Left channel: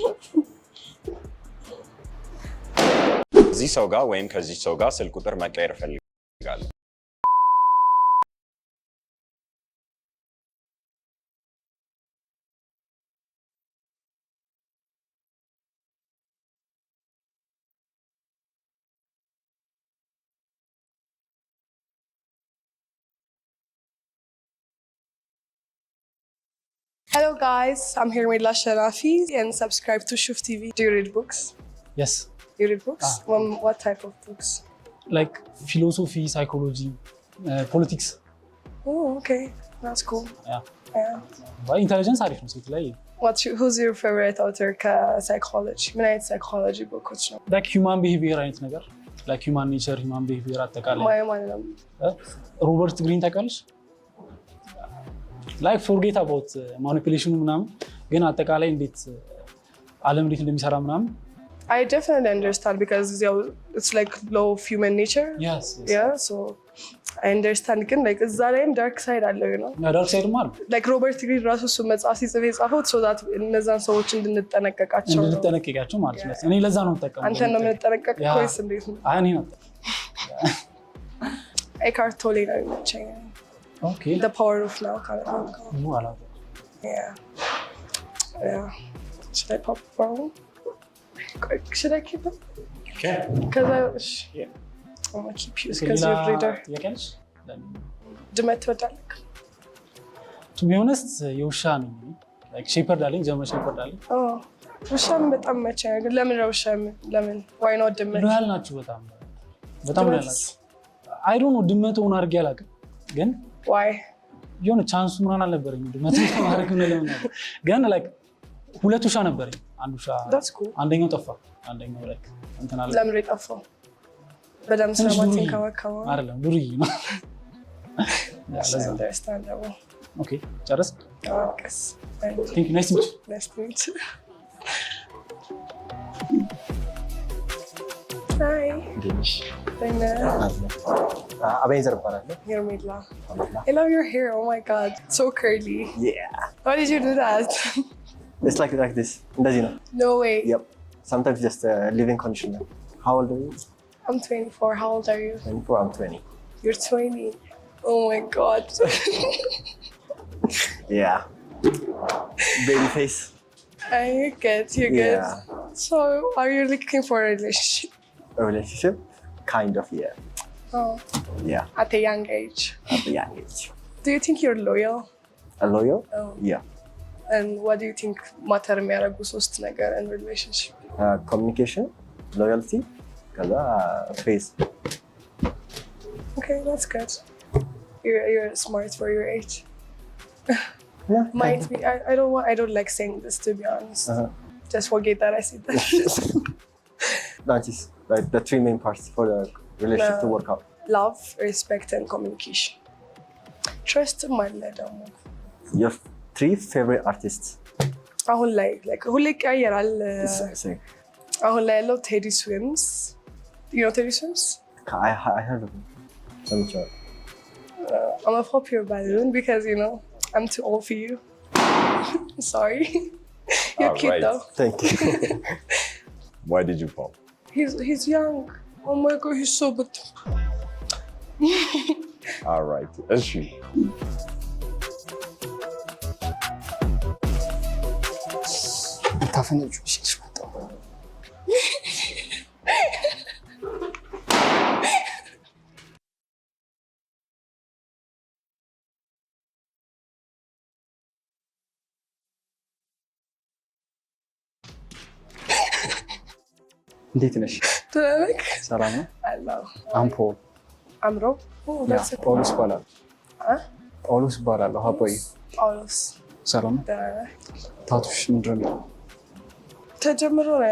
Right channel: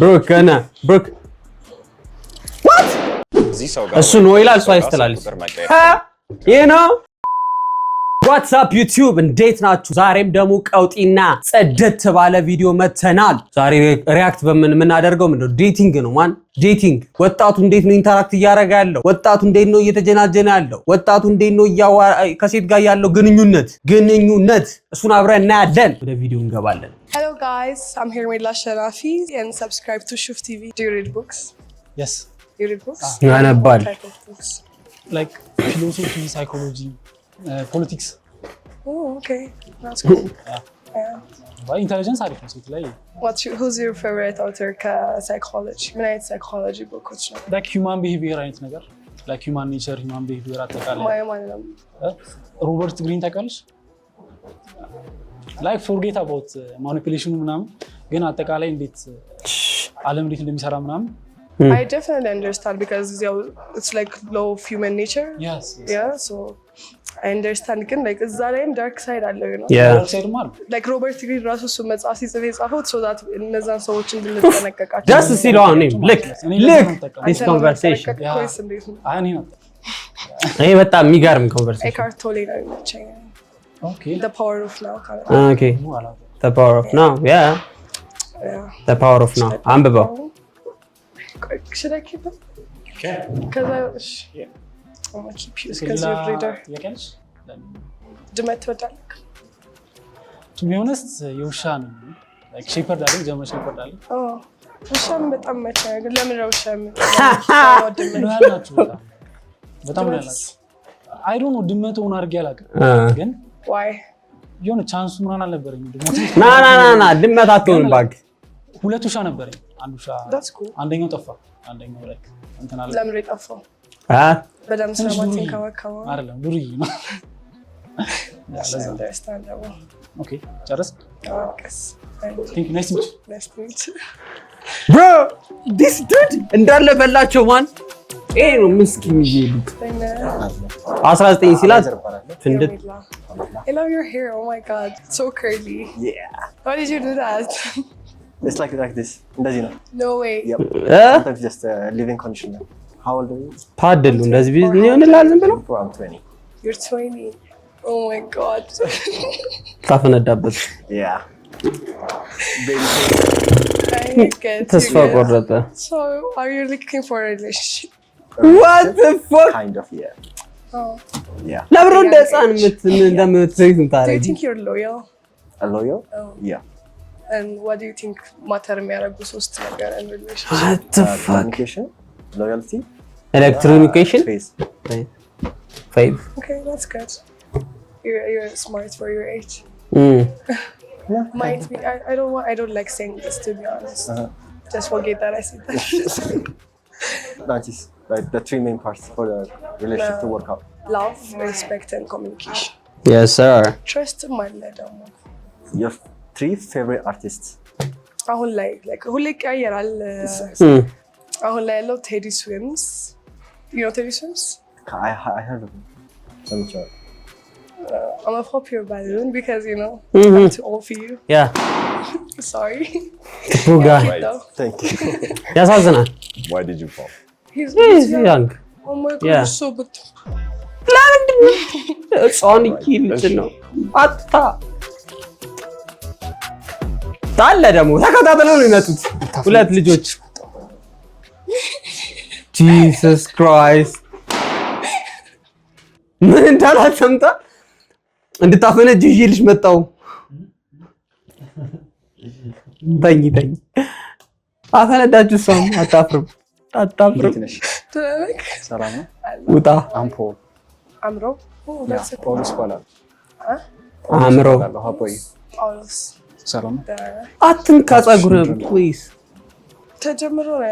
ብሩክ ገና ብሩክ እዚህ ሰው ጋር እሱ ነው ይላል ሰው አይስተላልፍ ይሄ ነው ዋትስአፕ ዩቲዩብ እንዴት ናችሁ? ዛሬም ደግሞ ቀውጢና ጸደት ባለ ቪዲዮ መተናል። ዛሬ ሪአክት በምናደርገው ምንድነው ዴቲንግ ነው ማን ዴቲንግ ወጣቱ እንዴት ነው ኢንተራክት እያደረገ ያለው ወጣቱ እንዴት ነው እየተጀናጀነ ያለው ወጣቱ እንዴት ነው ከሴት ጋር ያለው ግንኙነት እሱን አብረን እናያለን። ወደ ቪዲዮ እንገባለን። Hello guys, I'm here with Sharafi and subscribe to Shuf TV. Do you read books? Yes. You read books? What type of books? Like philosophy, psychology, politics. Oh, okay. That's cool. Yeah. But intelligence are different. Who's your favorite author? Psychology. What is psychology book? Like human behavior and things. Like human nature, human behavior. Robert Greene tackles. Like forget about manipulation ምናምን ግን አጠቃላይ እንዴት ዓለም እንዴት እንደሚሰራ ምናምን I definitely understand because it's like law of human nature. Yes. Yeah, so I understand ግን like እዛ ላይም dark side አለው you know. Dark side ማለት like Robert Greene ራሱ እሱ መጽሐፍ ሲጽፍ የጻፈው so that እነዛን ሰዎች እንድንጠነቀቃቸው just see the name look this conversation አኔ ነው ይሄ በጣም የሚገርም conversation Eckhart Tolle ነው የሚመቸኝ Okay. The power of now kind of. Okay. The power of now. Yeah. The power of now. አንብበው Should I keep it? Okay. Because I'm gonna keep you because you're a reader. ድመት ትወዳለህ? To be honest, የውሻ ነው like shepherd አለኝ ጀርመን shepherd አለኝ ውሻም በጣም መቸኝ ግን ለምን ነው ውሻ ነው ድመት ያላችሁ በጣም ያላችሁ I don't know ድመት ሆነ አድርጌ አላውቅም ግን why የሆነ ቻንሱ ምናምን አልነበረኝ ድመት ና ድመት አትሆን ባግ ሁለት ውሻ ነበረኝ አንድ ውሻ that's cool አንደኛው ጠፋ አንደኛው like እንትን አለ ለምን የጠፋው በደም ስለማትን ካወካው አይደለም ዱርዬ ነው understandable okay ጨረስ yes thank you nice to meet you bro this dude እንዳለ በላቸው ማን ምስኪን ይሉት 19 ሲላት ፍንድት I love your hair oh my god so curly Yeah. Why did you do that? It's like this. እንደዚህ ነው. No way. Yep. Sometimes just living conditioner. How old are you? ታደሉ እንደዚህ ቢዝ ምን ይሆንላል ዝም ብሎ I'm 20. You're 20. Oh my god. ታፈነዳበት Yeah. Baby face. I get ተስፋ you. ቆረጠ So, are you looking for a relationship? What the fuck Kind of, yeah. Oh. Yeah. ለብሮ At a young እንደጻን age. ምት Do you think you're loyal? A loyal? Oh. Yeah. And what do you think matter የሚያደርጉ ሶስት ነገር in relationship? What the fuck Communication, loyalty, electronication face. 5 Okay, that's good. You're smart for your age. Yeah. Might be. I don't like saying this to be honest. Just forget that I said that. That is like the three main parts for the relationship to work out. Love, respect, and communication. yes sir Trust ማለ ደግሞ Your three favorite artists. አሁን ላይ ሁሌ ይቀያየራል አሁን ላይ ያለው ቴዲ ስዊምስ you know Teddy Swims? I heard of him. I'm a pop your balloon because you know I'm too old for you. yeah Sorry. Buga. Cute though. Thank you. ያሳዝናል Why did you fall? He's young young. Oh my god, Yeah. he's so good. ጻን ይልጥ ነው አጣ ታለ ደግሞ ተከታተለው ነው የሚመጡት ሁለት ልጆች Jesus Christ ምን እንዳላት ሰምታ እንድታፈነጅ ይልሽ መጣው በኝ አፈነዳችሁ ሰው አታፍርም እንዴት ነሽ? ትላለክ ሰላም ነው? ውጣ አምፖ አምሮ that's it. ጳውሎስ ይባላል። አምሮ ሀፖይ ጳውሎስ ሰላም አትንካ ጸጉር ፕሊዝ ተጀምሮ ነው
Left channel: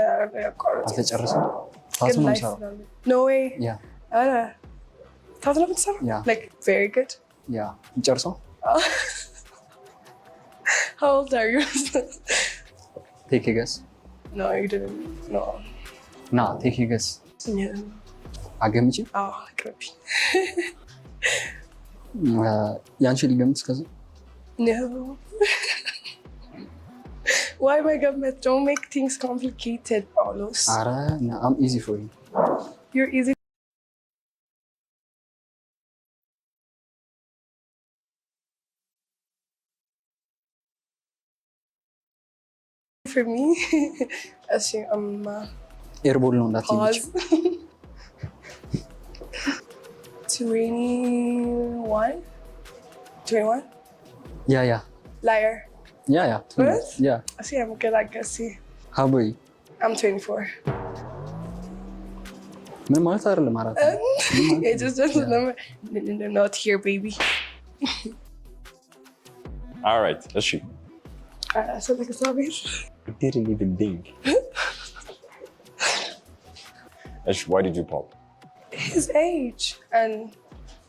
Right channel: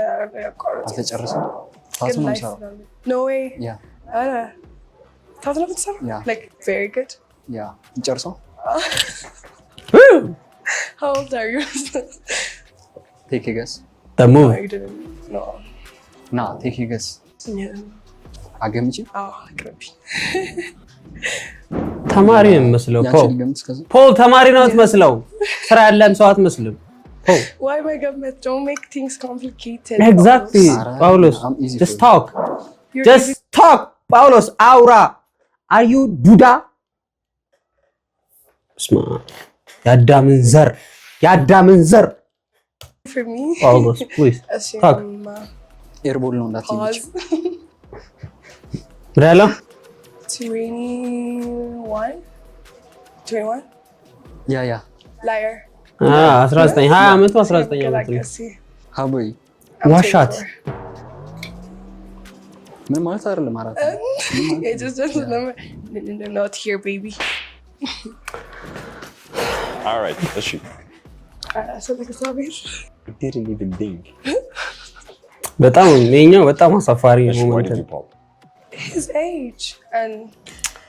ያቋረጥ አልተጨረሰም ታቱ ነው ሰው no way ያ ታቱ ነው ብትሰራ Yeah. like very good ያ እንጨርሰው how old are you? ቴክ ጌስ ደሞ No, you didn't no ና ቴክ ጌስ yeah አገምጪ ቅርቢ ተማሪ ነው መስለው ያንቺ ልገምት እስከዛ ፖል ተማሪ ነው የምትመስለው ስራ ያለን ሰው አትመስልም Why am I gonna don't make things complicated? Exactly. Paulos, I'm easy just for you. talk. You're Just easy talk. Paulos, aura. Are you Duda? Sma. Yadamin zar. for me. Paulos, please. Talk. Airball ነው እንዳትይኝ። Pause. Rela? 21? 21? ያ Liar. 19 20 ዓመቱ Good, I 19 guess. See, ሀቦይ I'm One shot. 24. ምን ማለት አይደለም አራት It just remember. Not here, baby. All right, let's shoot. So like it's obvious. Didn't even think. በጣም የኛው በጣም አሳፋሪ Ash, ነው። why did you pop? His age and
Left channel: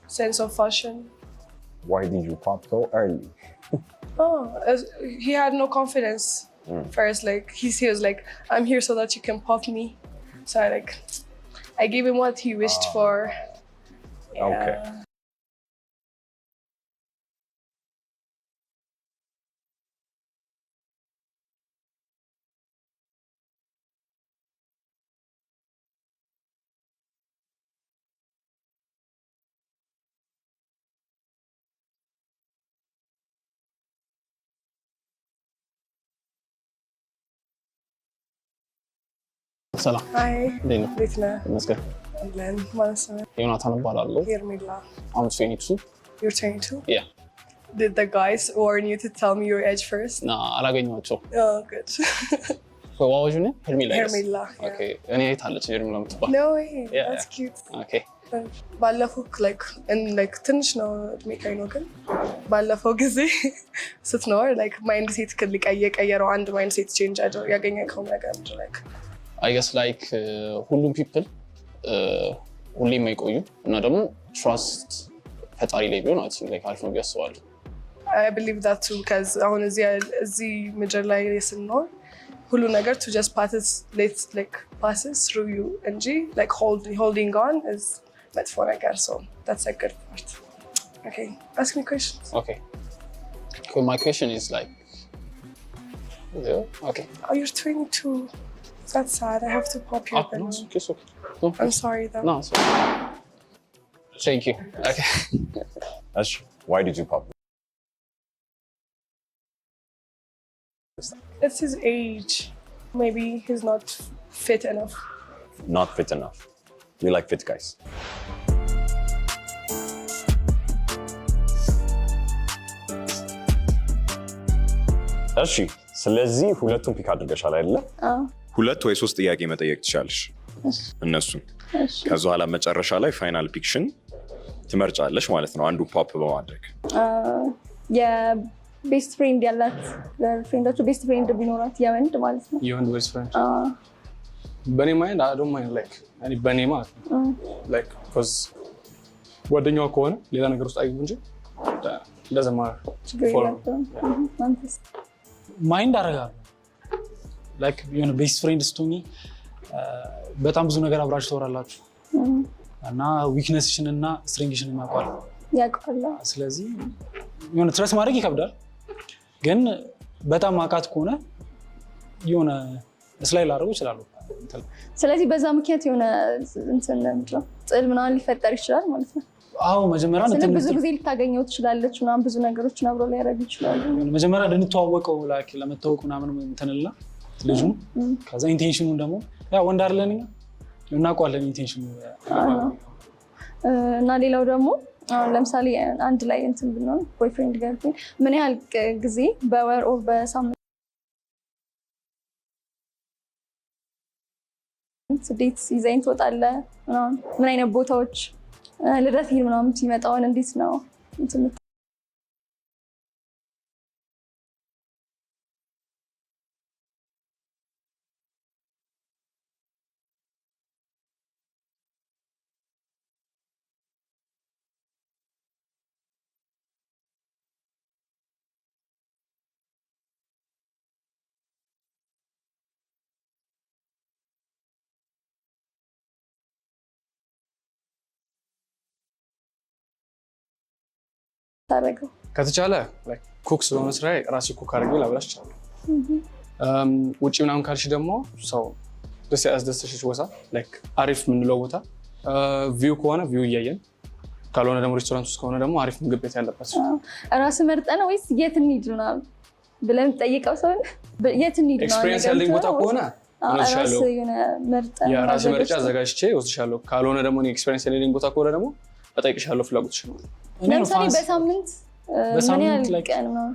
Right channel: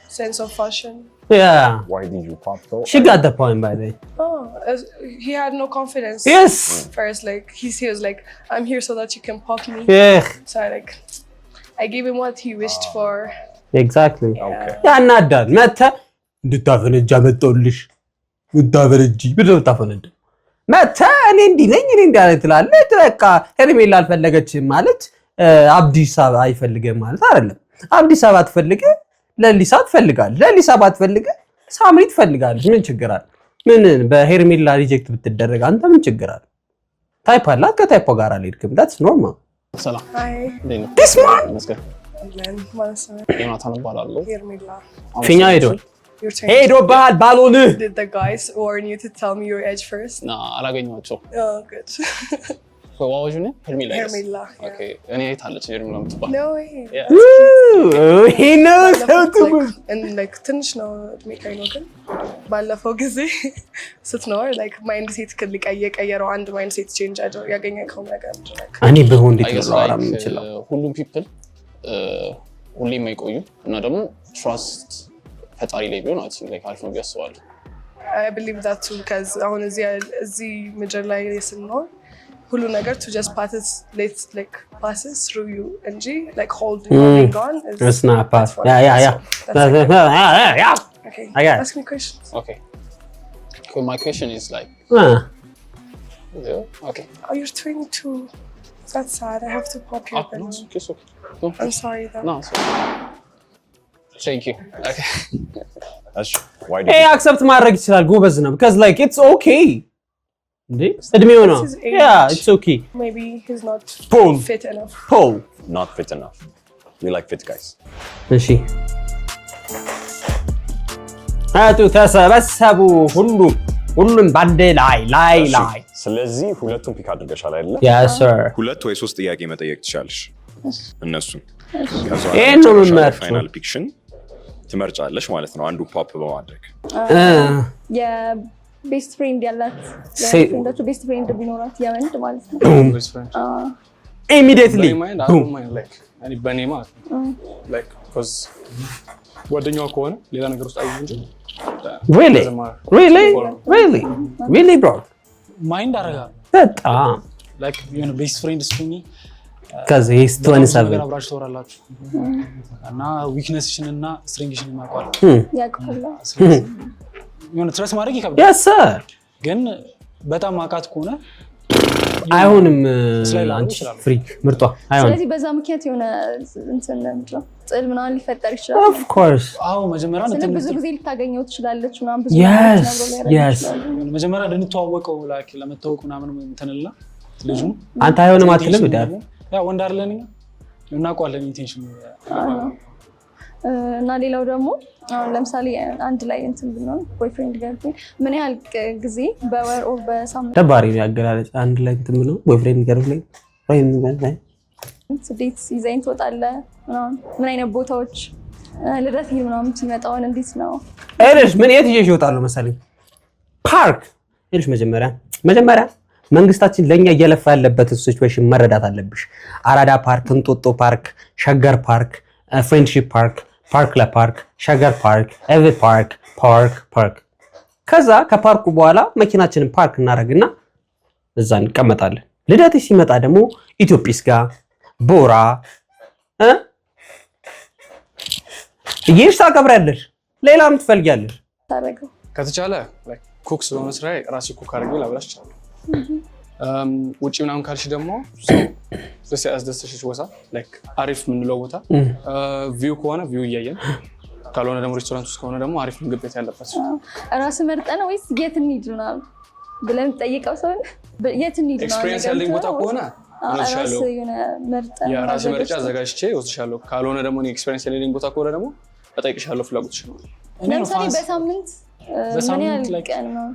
sense of fashion. Yeah. Why did you pop though? She got the point by the way. Oh, he had no confidence. Yes. First, like he was like, "I'm here so that you can pop me." Yeah. So I gave him what he wished for. Exactly. Okay. ያናዳል። መተ እንድታፈነጃ መጣሁልሽ እንድታፈነጂ ብለው ታፈነጅ መተ እኔ እንዲህ ነኝ እኔ እንዳለ ትላለህ። በቃ ሄርሜላ አልፈለገችም ማለት አብዲስ አበባ አይፈልግም ማለት አይደለም። አብዲስ አበባ ትፈልግ ለሊሳ ትፈልጋለህ። ለሊሳ ባትፈልግ ሳምሪ ትፈልጋለች። ምን ችግር አለ? ምን በሄርሜላ ሪጀክት ብትደረግ አንተ ምን ችግር አለ? ታይፕ አላት ከታይፖ ጋር አልሄድክም። that's normal። ሰላም Hi. this one መስገን And then Melissa. ዮናታን እባላለሁ። Hermila. ፊኛ ሄዶ Your turn. ሄዶ ባህል ባልሆንህ Did the guys warn you to tell me your age first? ና አላገኘኋቸው። Oh, good. ዋዋጁ ነው ሄርሜላ ይላል። Hermila. ኦኬ እኔ አይታለች ሄርሜላ የምትባል No way. Yeah. That's cute. he knows how ባለፈው to like and like ትንሽ ነው እድሜ ነው ግን ባለፈው ጊዜ ስትኖር like ማይንድ ሴት ከሊቀየረው አንድ ማይንድ ሴት ቼንጅ ያገኘከው ነገር like እኔ በሆን አይ ገስ ላይክ ሁሉም ፒፕል ሁሌም አይቆዩ እና ደግሞ ትራስት ፈጣሪ ላይ ቢሆን አይ ቲንክ ላይክ አሪፍ ነው ያስባለሁ። I believe that too because አሁን እዚህ ምድር ላይ ስንኖር ሁሉ ነገር to just passes through you እንጂ like holding on is it's not pass. that's what I Yeah. feel. So that's like Yeah. okay. I got it. Ask me questions. Okay. So my question is like okay. Oh, you're 22. That's sad. I have to pop your No, balloon. it's okay. No, I'm sorry though. no, it's okay. Thank you. Okay. Ash, why did Hey, you pop? accept ማድረግ ይችላል ጎበዝ ነው because like it's okay እንዴ እድሜው ነው That's his age. yeah it's okay Maybe he's not Boom. fit enough. oh Not fit enough. We like fit guys. እሺ አቱ ተሰበሰቡ ሁሉም ባንዴ ላይ እሺ፣ ስለዚህ ሁለቱን ፒክ አድርገሻል አይደለ? yes sir ሁለት ወይ ሶስት ጥያቄ መጠየቅ ትችላለሽ እነሱን። ከዛ ይሄን ነው መጨረሻ ላይ የምመርጠው። ፋይናል ፒክሽን ትመርጫለሽ ማለት ነው፣ አንዱ ፖፕ በማድረግ። የቤስት ፍሬንድ ያላት ፍሬንዳችሁ ቤስት ፍሬንድ ቢኖራት የወንድ ማለት ነው። Best friend. immediately በኔ ማይንድ አይ ዶንት ማይንድ ላይክ እኔ በኔ ማለት ነው ላይክ cuz ጓደኛዋ ከሆነ ሌላ ነገር ውስጥ አይዩ እንጂ really bro ማይንድ አደርጋለሁ በጣም ላይክ የሆነ ቤስት ፍሬንድ ስትሆኚ ከዚህ is በጣም ብዙ 27 ነገር አብራችሁ ታወራላችሁ እና ዊክነስሽን እና ስትሬንግሽን ያውቃል። ያውቃል። ስለዚህ የሆነ ትረስ ማድረግ ይከብዳል። yes sir ግን በጣም ማቃት ከሆነ አይሆንም ስላይል አድርጎ ይችላል። ፍሪክ ምርጧ አይሆንም ስለዚህ በዛ ምክንያት የሆነ እንትን ነው ጥል ምናምን ሊፈጠር ይችላል። of course አዎ መጀመሪያ ስለዚህ ብዙ ጊዜ ልታገኘው ትችላለች ምናምን ብዙ ነገሮች አብረው ሊያደርጉ yes ይችላሉ። መጀመሪያ ልንተዋወቀው ላይክ ለመተዋወቅ ምናምን እንትንልና ልጁ አንተ አይሆንም አትልም እንዴ ያ ወንድ አይደለን እኛ እናውቀዋለን ኢንቴንሽን እና ሌላው ደግሞ አሁን ለምሳሌ አንድ ላይ እንትን ብንሆን ቦይፍሬንድ ገርልፍሬንድ ምን ያህል ጊዜ በወር ኦር በሳምንት ደባሪ ነው ያገላለጽ አንድ ላይ እንትን ብለው ቦይፍሬንድ ገርልፍሬንድ ዴት ይዘኝ ትወጣለህ ምናምን ምን አይነት ቦታዎች ልደት ምናምን ሲመጣውን እንዴት ነው እርሽ ምን የት ይዤሽ እወጣለሁ መሰለኝ ፓርክ እርሽ መጀመሪያ መንግስታችን ለኛ እየለፋ ያለበት ሲቹዌሽን መረዳት አለብሽ። አራዳ ፓርክ፣ እንጦጦ ፓርክ፣ ሸገር ፓርክ፣ ፍሬንድሺፕ ፓርክ፣ ፓርክ ለፓርክ፣ ሸገር ፓርክ፣ ኤቭሪ ፓርክ ከዛ ከፓርኩ በኋላ መኪናችንን ፓርክ እናደርግና እዛ እንቀመጣለን። ልደት ሲመጣ ደግሞ ኢትዮጲስ ጋር ቦራ ይሄሽ ታከብራለሽ። ሌላም ትፈልጊያለሽ ታደርገው ከተቻለ ላይክ ኩክ ስለሆነ ስራዬ ራሴ ኩክ አድርጌ ላብላሽ ይችላል። ውጪ ምናምን ካልሽ ደግሞ ሰው ደስ ያስደስተሽ ቦታ ላይክ አሪፍ የምንለው ቦታ ቪው ከሆነ ቪው እያየን ካልሆነ ደግሞ ሬስቶራንት ውስጥ ከሆነ ደግሞ አሪፍ ምግብ ቤት ያለበት ራስ መርጠህ ነው ወይስ የት እንሂድ ነው ብለን ጠይቀው ሰው የት እንሂድ ነው ኤክስፒሪየንስ ያለኝ ቦታ ከሆነ ራስ የሆነ መርጠህ የራሴ ምርጫ አዘጋጅቼ ወስድሻለሁ ካልሆነ ደግሞ እኔ ኤክስፒሪየንስ ያለኝ ቦታ ከሆነ ደግሞ እጠይቅሻለሁ ፍላጎትሽ ነው ለምሳሌ በሳምንት ምን ያህል ቀን ነው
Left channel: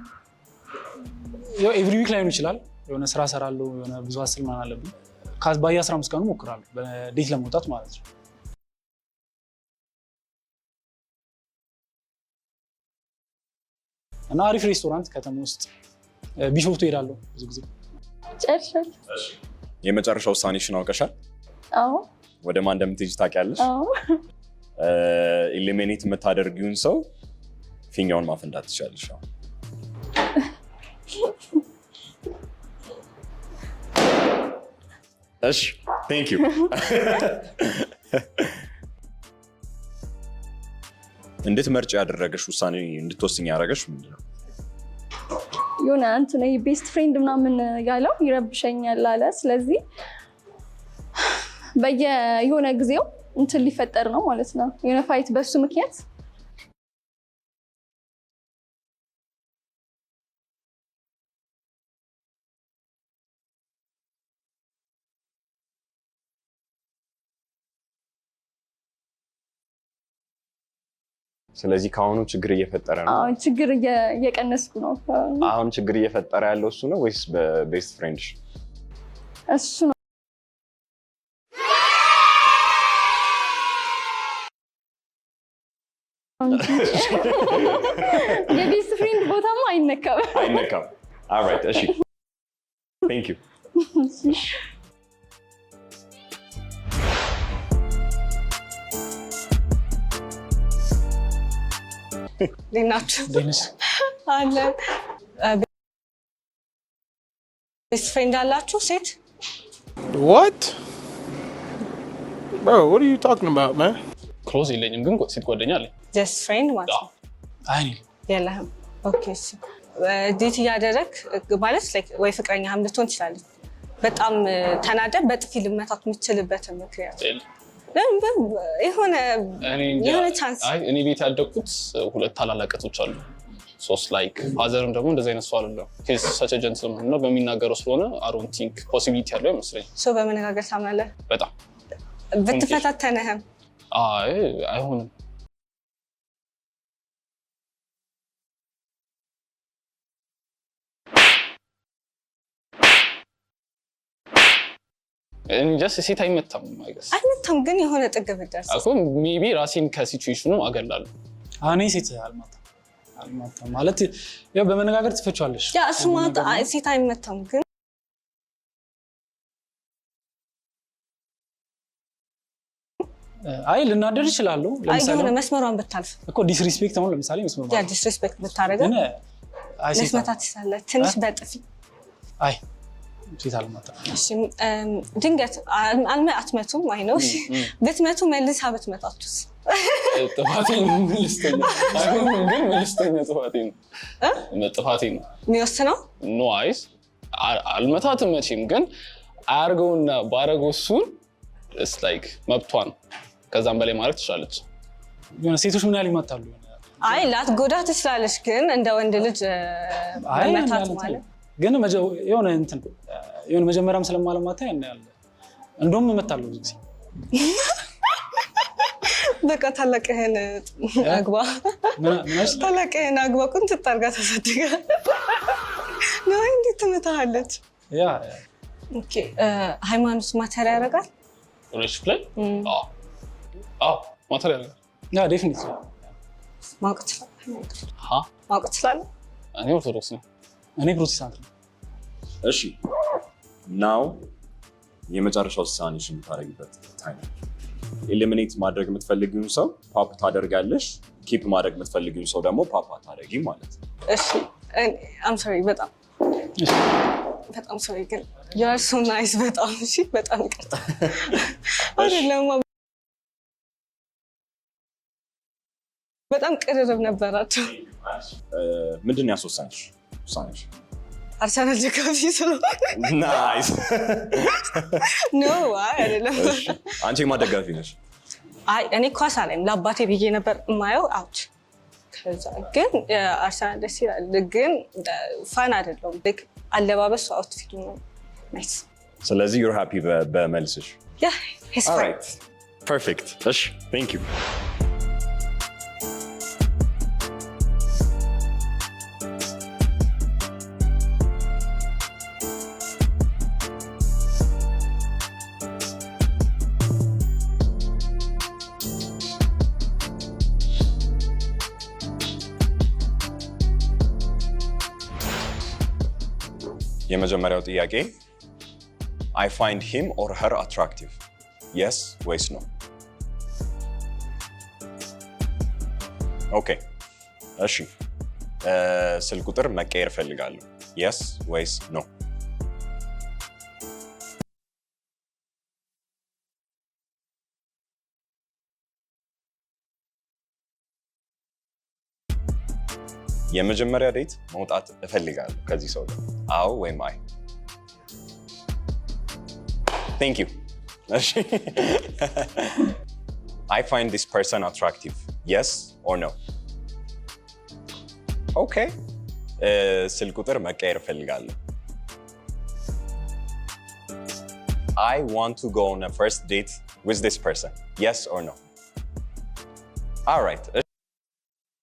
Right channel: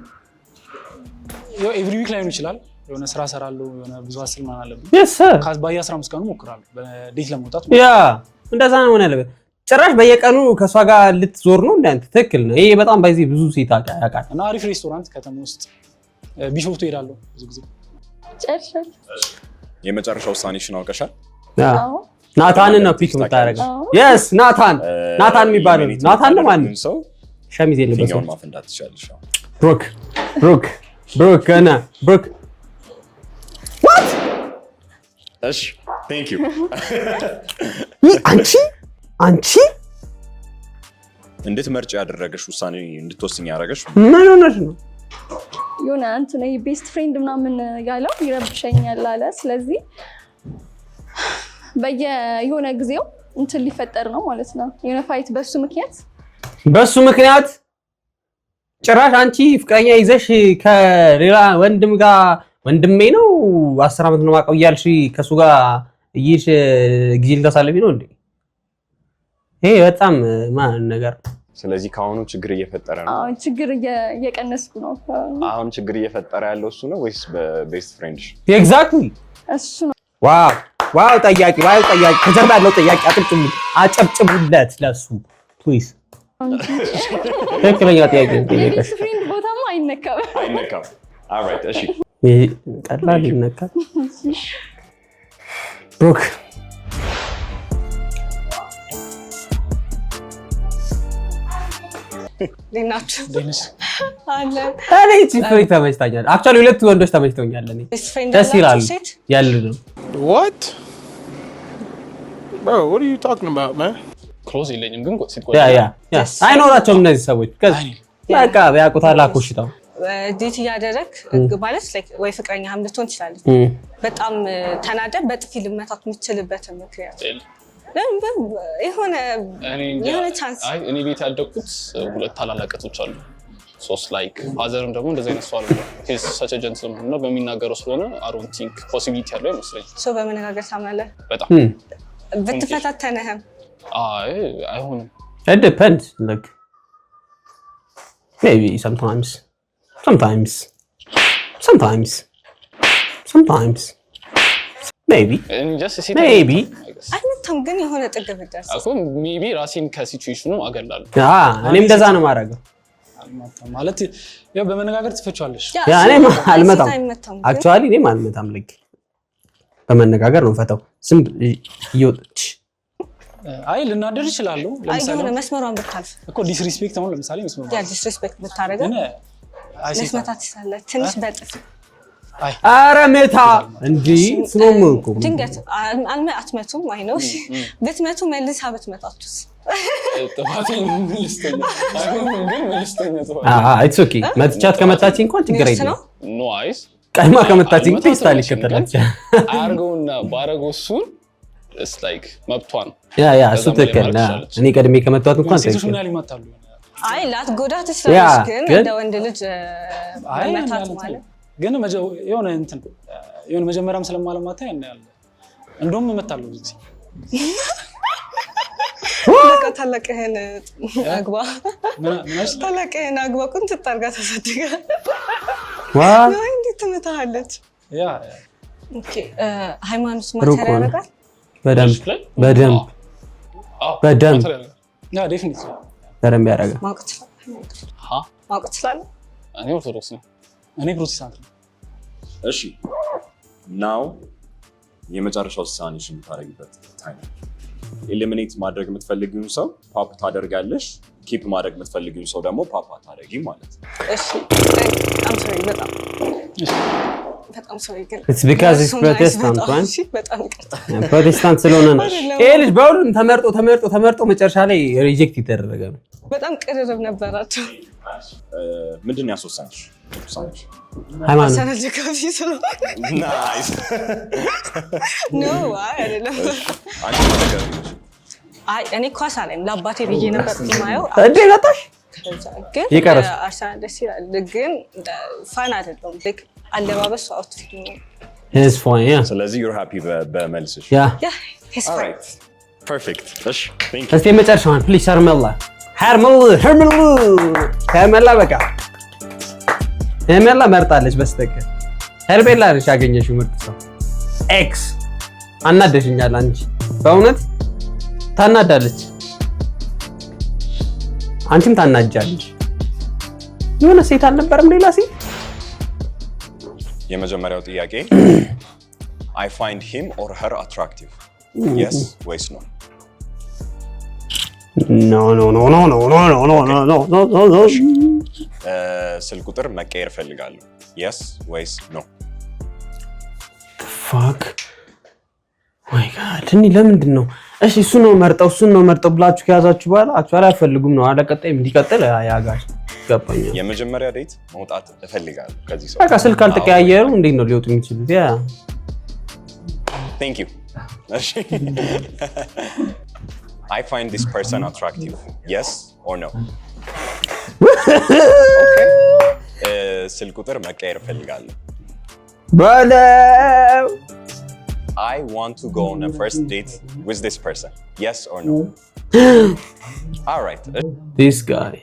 ያው ኤቭሪ ዊክ ላይ ነው ይችላል የሆነ ስራ ሰራለሁ የሆነ ብዙ አስል ማን አለብኝ ባየ 15 ቀኑ ሞክራለሁ በዴት ለመውጣት ያ እንደዛ ነው ሆነ ያለበት ጭራሽ በየቀኑ ከሷ ጋር ልትዞር ነው እንዳንተ ትክክል ነው ይሄ በጣም በዚህ ብዙ ሴት ያውቃል እና አሪፍ ሬስቶራንት ከተማ ውስጥ ቢሾፍቱ ሄዳለሁ ብዙ ጊዜ ጨርሻል የመጨረሻው ውሳኔሽን አውቀሻል አዎ ናታንን ነው ፒክ የምታደርገው yes ናታን የሚባለው ናታን ነው ማን ሰው ሸሚዝ የለበሰው ፊኛውን ማፈንዳት ትችላለሽ ብሩክ ገና ብሩክ እሺ ቴንክ ዩ አንቺ እንድትመርጪ ያደረገሽ ውሳኔ እንድትወስኝ ያደረገሽ ምን ሆነሽ ነው የሆነ አንተ ነው ቤስት ፍሬንድ ምናምን ያለው ይረብሸኛል አለ ስለዚህ የሆነ ጊዜው እንትን ሊፈጠር ነው ማለት ነው የሆነ ፋይት በሱ ምክንያት ጭራሽ አንቺ ፍቅረኛ ይዘሽ ከሌላ ወንድም ጋር ወንድሜ ነው 10 አመት ነው ማቀው እያልሽ ከሱ ጋር እይሽ ጊዜ ልታሳልፊ ነው እንዴ ይሄ በጣም ማን ነገር ስለዚህ ካሁኑ ችግር እየፈጠረ ነው አዎ ችግር እየቀነስኩ ነው አሁን ችግር እየፈጠረ ያለው እሱ ነው ወይስ በቤስት ፍሬንድሽ ኤግዛክትሊ እሱ ነው ዋው ጠያቂ ከጀርባ ያለው ጠያቂ አጨብጭቡለት ለሱ ፕሊዝ ትክክለኛ ጥያቄ የቤስት ፍሬንድ ቦታማ አይነካም ኦልራይት እሺ ቀላል ይነካል ብሩክ ሊናችሁ አለ እኔ ፍሬ ተመችታኛል አክቹአሊ ሁለት ወንዶች ተመችተውኛል እኔ ቤስት ፍሬንድ አላችሁ ሴት ያለ ነው What? Bro, what are you talking about, man? ክሎዝ የለኝም ግን ሴት ያ አይኖራቸውም እነዚህ ሰዎች በቃ ያውቁታል አኮሽታው ዴት እያደረግ ማለት ወይ ፍቅረኛህም ልትሆን ትችላለች በጣም ተናደ በጥፊ ልመታት የምትችልበት ምክንያት የሆነ ቻንስ እኔ ቤት ያደግኩት ሁለት ታላላቀቶች አሉ ሶስት ላይክ ፋዘርም ደግሞ እንደዚህ አይነት ሰው አለ ሂዝ ሰች ኤ ጀንትልማን ነው በሚናገረው ስለሆነ አይ ዶንት ቲንክ ፖሲቢሊቲ ያለው ይመስለኝ ሰው በመነጋገር ታምናለህ በጣም ብትፈታተነህም አይሆንም it depends like maybe sometimes maybe አይመታም ግን የሆነ ጥግ ብትደርስ አሁን ሜቢ ራሴን ከሲቹዌሽኑ አገላለሁ እኔ እንደዛ ነው ማድረገው ማለት ያው በመነጋገር ትፈቻለሽ እኔም አልመታም አክቹአሊ እኔም አልመታም ልክ በመነጋገር ነው ፈታው ዝም ይወጥች አይ ልናደር ይችላል ለምሳሌ አይ መስመሯን ብታልፍ እኮ ዲስሪስፔክት ነው ለምሳሌ መስመሯን ያ ዲስሪስፔክት ብታረጋ መስመታት ይችላል ትንሽ በጥፍ አይ አረ መታ እንዴ ስለምንኩ ድንገት አትመቱም አይ ነው ብትመቱ መልሳ ብትመታቱስ ጥፋቴን መልስተኛ አይሆንም ግን መልስተኛ ጥፋት ኢትስ ኦኬ መጥቻት ከመታች እንኳን ችግር የለም ኖ አይስ ቀድማ ከመታች እንኳን ስታሊሽ አርገውና ባረገው እሱን it's like መብቷን ያ እኔ ቀድሜ ከመጣት እንኳን ሴቶች ምን ያህል ይመታሉ አይ ላትጎዳት ትችላለች ግን እንደ ወንድ ልጅ መታት ማለት ግን የሆነ እንትን የሆነ መጀመሪያም ስለማለማታ ያለ እንደውም እመታለሁ ጊዜ ለካ ታላቅህን አግባ ታላቅህን አግባ ቁንጥ ታርጋ ተሰደጋ ነው እንዴት ትመታለች ያ ኦኬ ሃይማኖት ማተር ያደርጋል በደንብ ያ ዴፊኒትሊ በደንብ ያደርጋል ማወቅ ትችላለህ እኔ ኦርቶዶክስ ነኝ እኔ ፕሮቴስታንት ነኝ እሺ ናው የመጨረሻው ውሳኔሽን የምታደርጊበት ታይም ኤሊሚኔት ማድረግ የምትፈልጊውን ሰው ፓፕ ታደርጋለሽ ኪፕ ማድረግ የምትፈልጊውን ሰው ደግሞ ፓፕ አታደርጊ ማለት ነው እሺ አም ሶሪ በጣም ሶሪ ግን it's because it's protestant እሺ በጣም ይቅርታ ፕሮቴስታንት ስለሆነ ነው ይሄ ልጅ በሁሉም ተመርጦ መጨረሻ ላይ ሪጀክት ይደረገ ነው በጣም ቅርርብ ነበራቸው ምንድን ያስወሰንሽ ውሳኔሽ? ሃይማኖት አርሰናል ደጋፊ ስለሆነ ናይስ። ኖ አይደለም። አንቺ ማን ደጋፊ ነሽ? አይ እኔ ኳስ አለኝ ለአባቴ ብዬ ነበር የማየው። እንዴ መጣሽ? ግን ይቀርስ አርሰናል ደስ ይላል። ግን ፋን አይደለም። ልክ አለባበሱ አውትፊቱ ነው። It's fine, yeah. ስለዚህ you're happy በመልስሽ? Yeah. Yeah, he's All fine. right. Perfect. እሺ thank you. እስቲ መጨረሻውን ፕሊዝ ሄርሜላ በቃ ሄርሜላ መርጣለች በስተቀር ሄርሜላ ነሽ ያገኘሽው ምርጥ ሰው። ኤክስ አናደሽኛል። አንቺ በእውነት ታናዳለች፣ አንቺም ታናጃለች። የሆነ ሴት አልነበረም ሌላ ሴት? የመጀመሪያው ጥያቄ I find him or her attractive. Yes ወይስ no? No. ስልክ ቁጥር መቀየር ፈልጋለሁ። Yes ወይስ no? Fuck. My God. እኔ ለምንድን ነው እሺ እሱን ነው መርጠው ብላችሁ ከያዛችሁ በኋላ አክቹዋሊ አይፈልጉም ነው አለ ቀጣይ እንዲቀጥል ያጋሽ ገባኛል። የመጀመሪያ ዴት መውጣት እፈልጋለሁ ከዚህ ሰው። በቃ ስልክ አልተቀያየሩ እንዴት ነው ሊወጡ የሚችሉት? ያ Thank you. እሺ I find this person attractive. Yes or no? Okay. ስልክ ቁጥር መቀየር እፈልጋለሁ። በለው I want to go on a first date with this person. Yes or no? All right. This guy.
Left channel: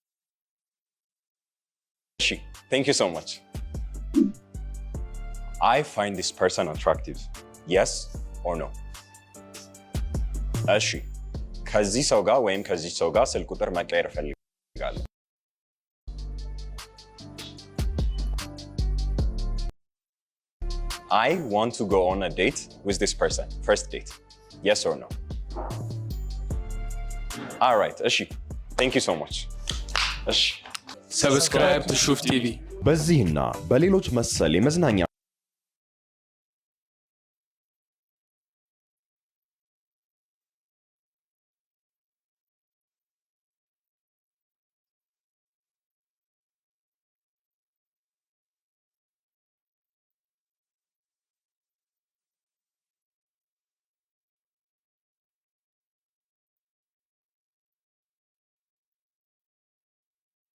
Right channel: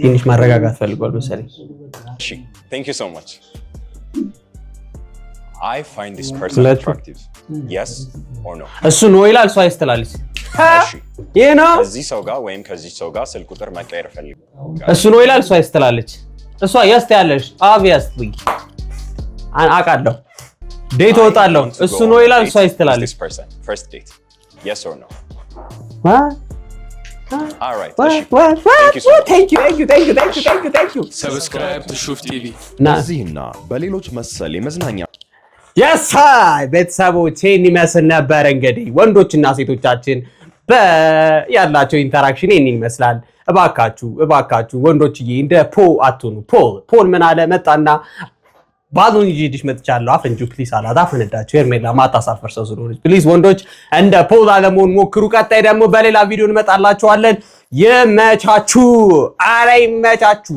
ትንሽ ማረጋጋት ፈልጓል መሰለኝ። እሺ thank you so much. I find this person attractive. Yes or no? እሱ ነው ይላል፣ እሱ አይስተላልስ። እሺ ይሄ ነው ከዚህ ሰው ጋር ወይም ከዚህ ሰው ጋር ስልክ ቁጥር መቀየር እፈልጋለሁ። እሱ ነው ይላል፣ እሱ አይስተላልች። እሷ yes ያለሽ obviously አውቃለሁ። ዴት ወጣለሁ። እሱ ነው ይላል፣ እሱ አይስተላልች። This person first date. Yes or no? What? All right. እሺ thank you so much. Thank you. ሰብስክራይብ ቱ ሹፍ ቲቪ። በዚህና በሌሎች መሰል የመዝናኛ የሳይ ቤተሰቦች ይህን ይመስል ነበር። እንግዲህ ወንዶችና ሴቶቻችን ያላቸው ኢንተራክሽን ይህን ይመስላል። እባካችሁ ወንዶችዬ እንደ አትሆኑ። ፖል ምን አለ መጣና ባሉን ይዤልሽ መጥቻለሁ አፈንጁ ፕሊስ አላት። አፈነዳችሁ። ሄርሜላ ማታሳፈር ሰው ስለሆነች ፕሊስ ወንዶች እንደ ፖል አለመሆን ሞክሩ። ቀጣይ ደግሞ በሌላ ቪዲዮ እንመጣላችኋለን። ይመቻችሁ። አረ ይመቻችሁ።